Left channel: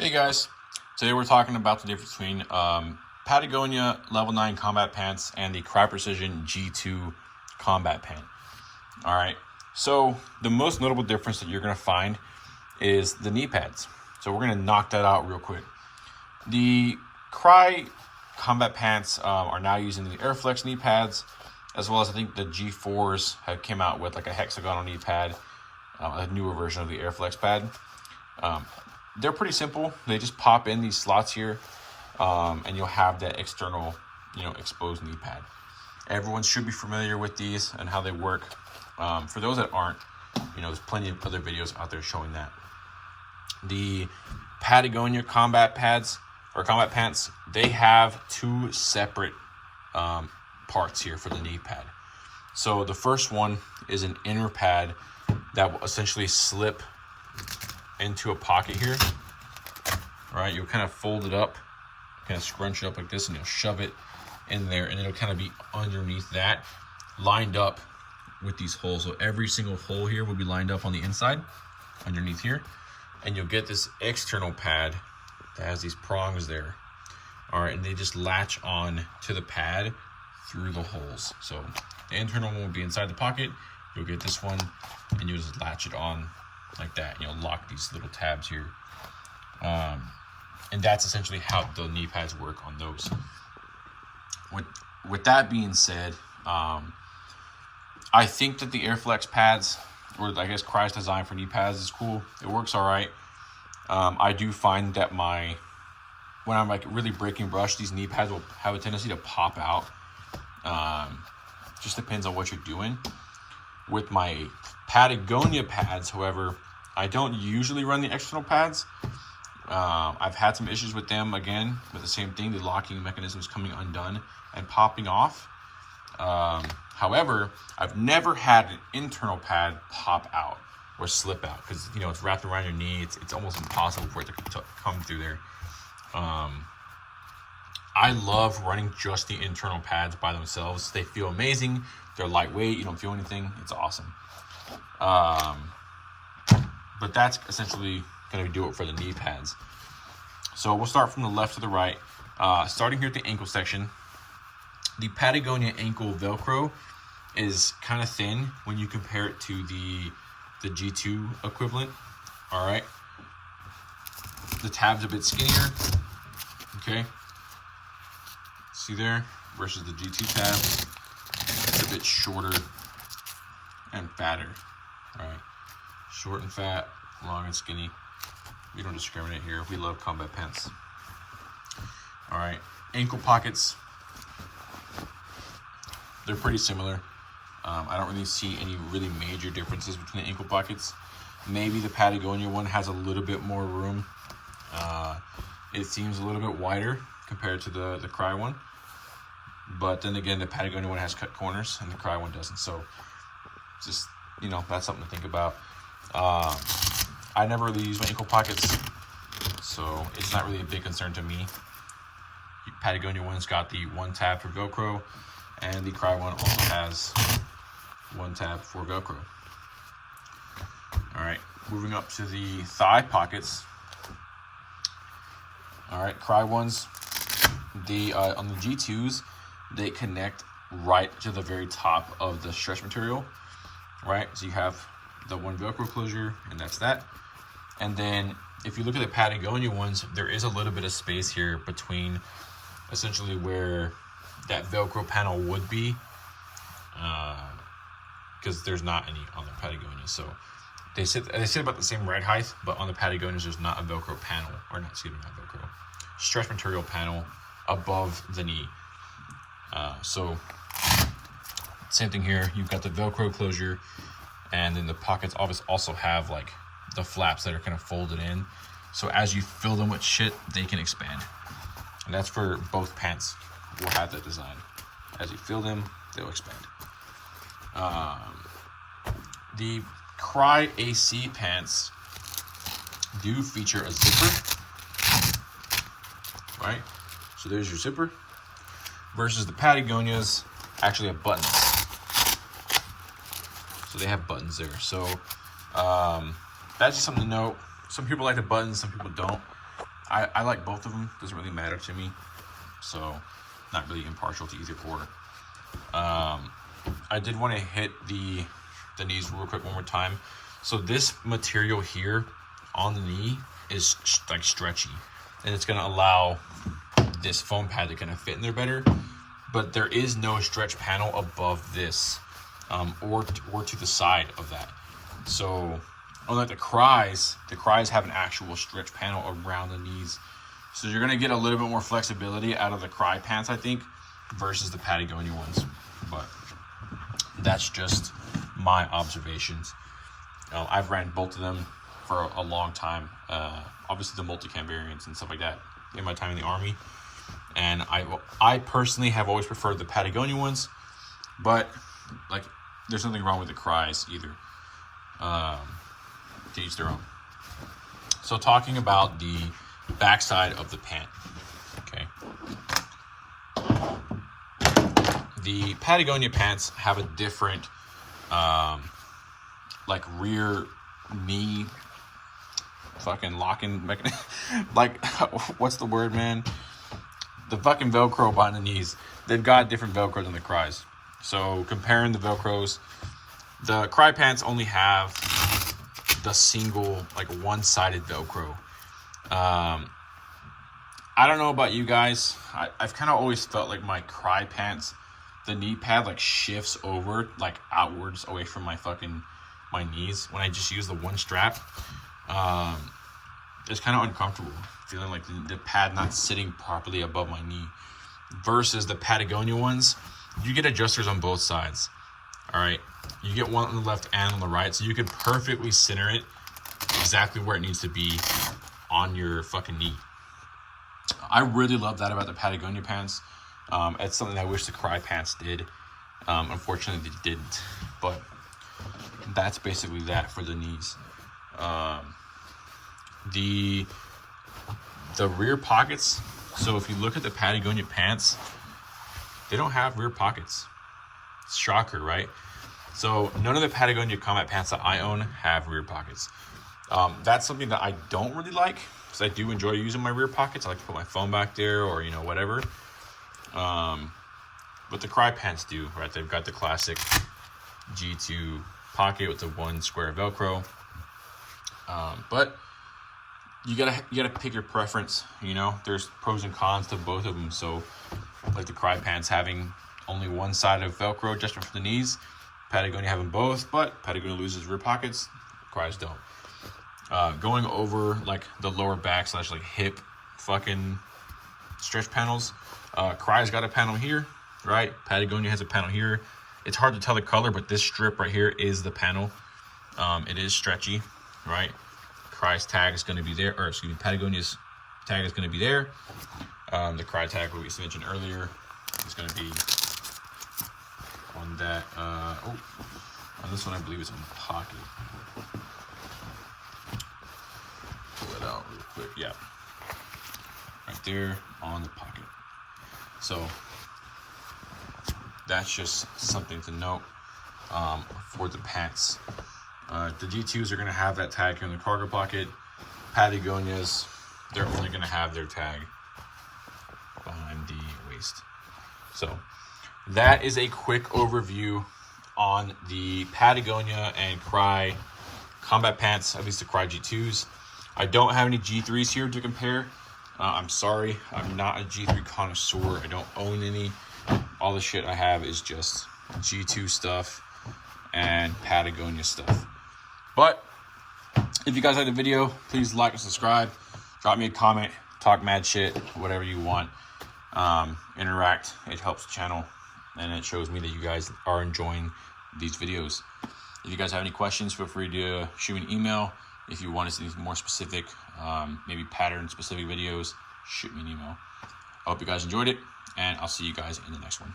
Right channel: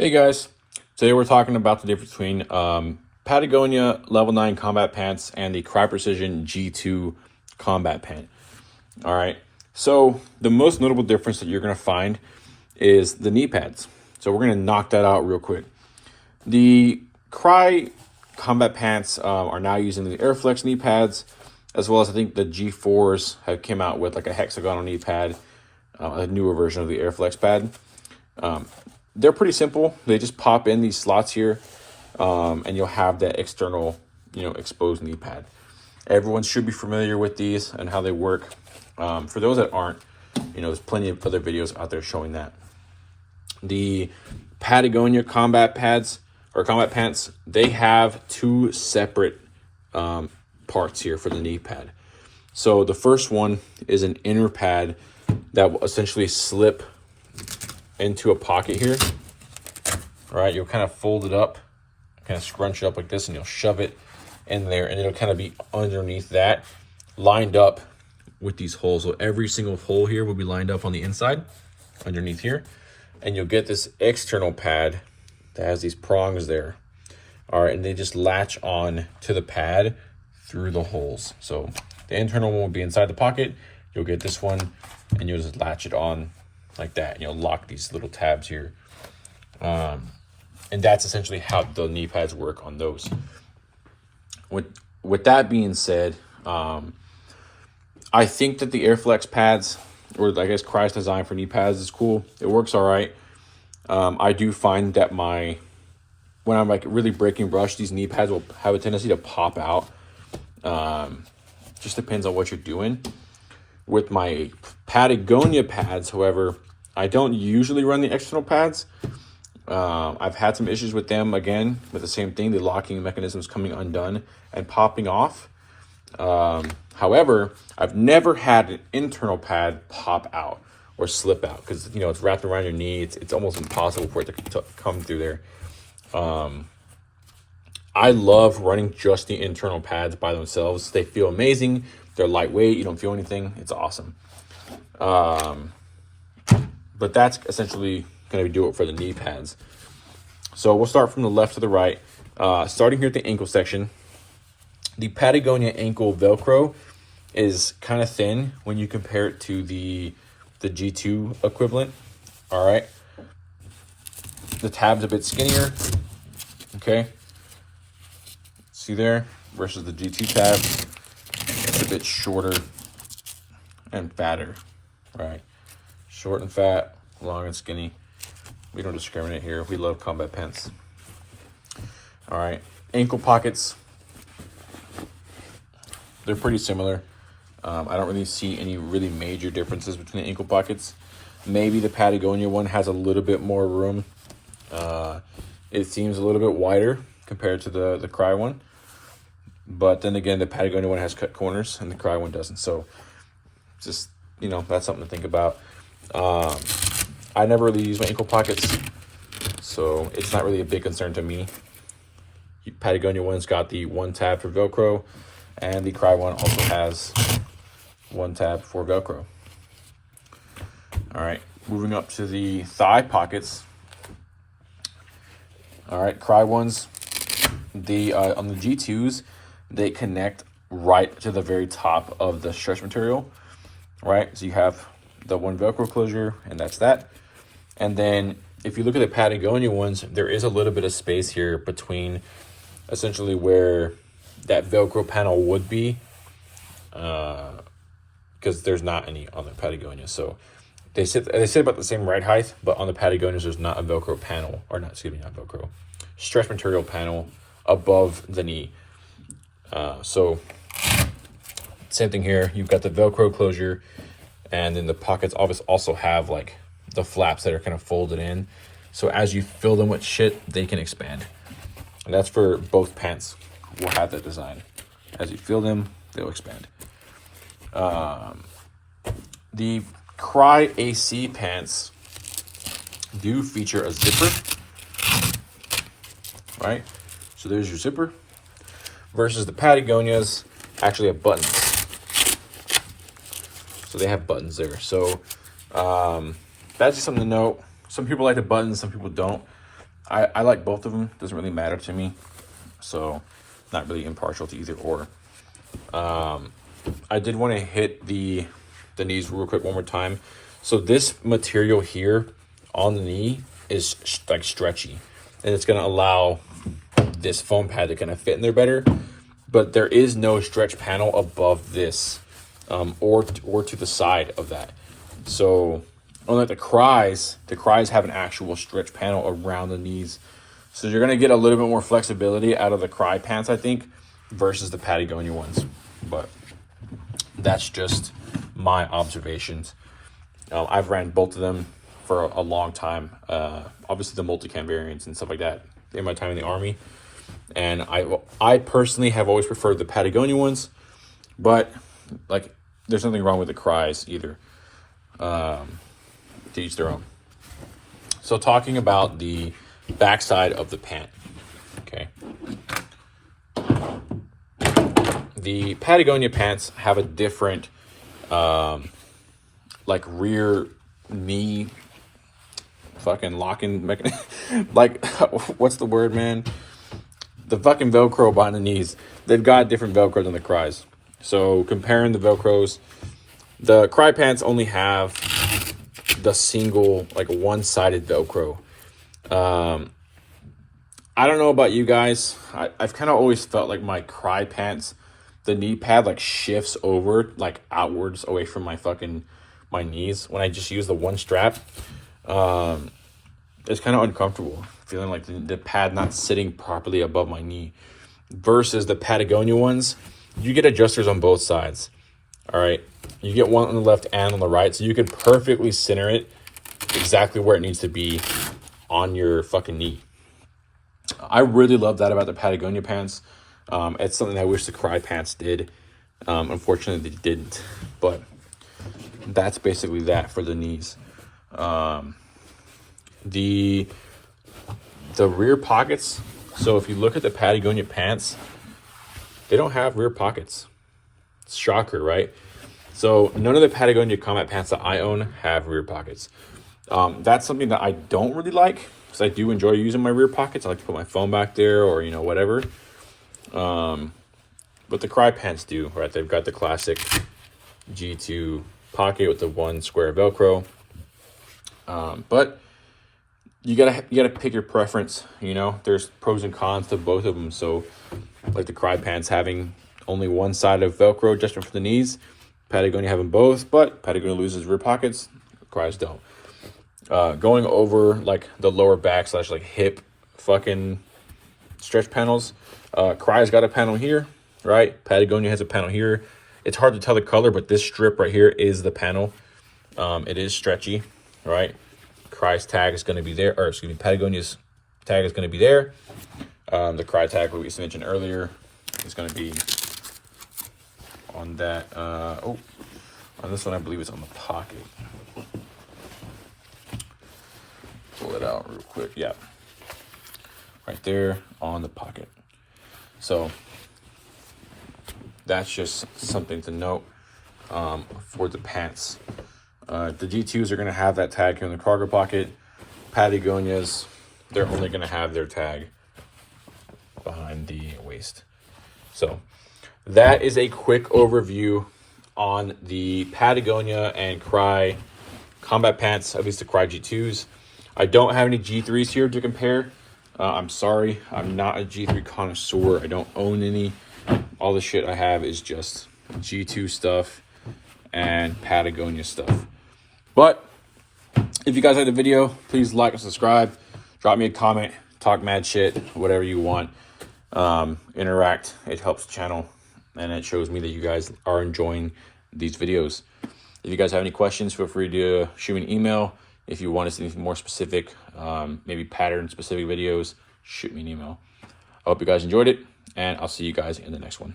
Hey guys, today we're talking about the difference between Patagonia Level 9 combat pants and the Crye Precision G2 combat pant. All right, so the most notable difference that you're going to find is the knee pads. So we're going to knock that out real quick. The Crye combat pants are now using the Airflex knee pads, as well as I think the G4s have came out with like a hexagonal knee pad, a newer version of the Airflex pad. They're pretty simple. They just pop in these slots here, and you'll have that external, exposed knee pad. Everyone should be familiar with these and how they work. For those that aren't, there's plenty of other videos out there showing that. The Patagonia combat pads or combat pants, they have two separate parts here for the knee pad. So the first one is an inner pad that will essentially slip into a pocket here. All right, you'll kind of fold it up, kind of scrunch it up like this, and you'll shove it in there, and it'll kind of be underneath that, lined up with these holes. So every single hole here will be lined up on the inside, underneath here, and you'll get this external pad that has these prongs there. All right, and they just latch on to the pad through the holes. So the internal one will be inside the pocket. You'll get this one, and you'll just latch it on like that, and you'll lock these little tabs here, and that's essentially how the knee pads work on those. With that being said, I think that the Airflex pads, or I guess Crye's design for knee pads, is cool. It works all right. I do find that when I'm like really breaking brush, these knee pads will have a tendency to pop out. Just depends on what you're doing. With my Patagonia pads, however, I don't usually run the external pads. I've had some issues with them, again, with the same thing, the locking mechanisms coming undone and popping off. However, I've never had an internal pad pop out or slip out because, it's wrapped around your knee. It's almost impossible for it to come through there. I love running just the internal pads by themselves. They feel amazing. They're lightweight. You don't feel anything. It's awesome. But that's essentially going to do it for the knee pads. So we'll start from the left to the right. Starting here at the ankle section, the Patagonia ankle Velcro is kind of thin when you compare it to the G2 equivalent. All right. The tab's a bit skinnier. Okay. See there? Versus the G2 tab. It's a bit shorter and fatter. All right. Short and fat, long and skinny. We don't discriminate here. We love combat pants. All right. Ankle pockets. They're pretty similar. I don't really see any really major differences between the ankle pockets. Maybe the Patagonia one has a little bit more room. It seems a little bit wider compared to the Crye one. But then again, the Patagonia one has cut corners and the Crye one doesn't. So just, that's something to think about. I never really use my ankle pockets, so it's not really a big concern to me. The Patagonia one's got the one tab for Velcro, and the Crye one also has one tab for Velcro. All right, moving up to the thigh pockets. All right, Crye ones, on the G2s, they connect right to the very top of the stretch material, right? So you have the one Velcro closure, and that's that. And then if you look at the Patagonia ones, there is a little bit of space here between essentially where that Velcro panel would be, because there's not any on the Patagonia. So they sit about the same ride height, but on the Patagonias, there's not a Velcro panel, or not Velcro, stretch material panel above the knee. So same thing here. You've got the Velcro closure, and then the pockets also have like the flaps that are kind of folded in. So as you fill them with shit, they can expand. And that's for both pants. We'll have that design. As you fill them, they'll expand. The Crye AC pants do feature a zipper, right? So there's your zipper. Versus the Patagonias actually have buttons. So they have buttons there. So that's just something to note. Some people like the buttons, some people don't. I like both of them. Doesn't really matter to me. So not really impartial to either or. I did want to hit the knees real quick one more time. So this material here on the knee is like stretchy, and it's going to allow this foam pad to kind of fit in there better. But there is no stretch panel above this, or to the side of that. So unlike the Cryes have an actual stretch panel around the knees. So you're going to get a little bit more flexibility out of the Crye pants, I think, versus the Patagonia ones. But that's just my observations. I've ran both of them for a long time. Obviously the multicam variants and stuff like that in my time in the Army. And I personally have always preferred the Patagonia ones, but like there's nothing wrong with the Cryes either. To each their own. So talking about the backside of the pant, okay. The Patagonia pants have a different, like rear knee fucking locking mechanism. Like, what's the word, man? The fucking Velcro behind the knees. They've got different Velcro than the Cryes. So comparing the Velcros, the Crye pants only have the single, like one-sided Velcro. I don't know about you guys. I've kind of always felt like my Crye pants, the knee pad like shifts over like outwards away from my knees when I just use the one strap. It's kind of uncomfortable, feeling like the pad not sitting properly above my knee. Versus the Patagonia ones, you get adjusters on both sides. All right, you get one on the left and on the right, so you can perfectly center it exactly where it needs to be on your fucking knee. I really love that about the Patagonia pants. It's something I wish the Crye pants did. Unfortunately, they didn't. But that's basically that for the knees. The rear pockets. So if you look at the Patagonia pants, they don't have rear pockets. Shocker, right? So none of the Patagonia combat pants that I own have rear pockets. That's something that I don't really like, because I do enjoy using my rear pockets. I like to put my phone back there, or whatever. But the Crye pants do, right? They've got the classic G2 pocket with the one square Velcro. But you gotta pick your preference. There's pros and cons to both of them. So like the Crye pants having only one side of Velcro just for the knees, Patagonia having both, but Patagonia loses rear pockets, Cryes don't. Going over like the lower back / like hip fucking stretch panels, Crye's got a panel here, right? Patagonia has a panel here. It's hard to tell the color, but this strip right here is the panel. It is stretchy, right? Crye's tag is going to be there, or excuse me, Patagonia's tag is going to be there. The Crye tag we mentioned earlier is going to be on that. On this one, I believe it's on the pocket. Pull it out real quick. Yeah, right there on the pocket. So that's just something to note for the pants. The G2s are going to have that tag here in the cargo pocket. Patagonias, they're only going to have their tag behind the waist. So that is a quick overview on the Patagonia and Crye combat pants, at least the Crye G2s. I don't have any G3s here to compare. I'm sorry, I'm not a G3 connoisseur. I don't own any. All the shit I have is just G2 stuff and Patagonia stuff. But if you guys like the video, please like and subscribe. Drop me a comment, talk mad shit, whatever you want. Interact. It helps the channel, and it shows me that you guys are enjoying these videos. If you guys have any questions, feel free to shoot me an email. If you want to see anything more specific, maybe pattern specific videos, shoot me an email. I hope you guys enjoyed it, and I'll see you guys in the next one.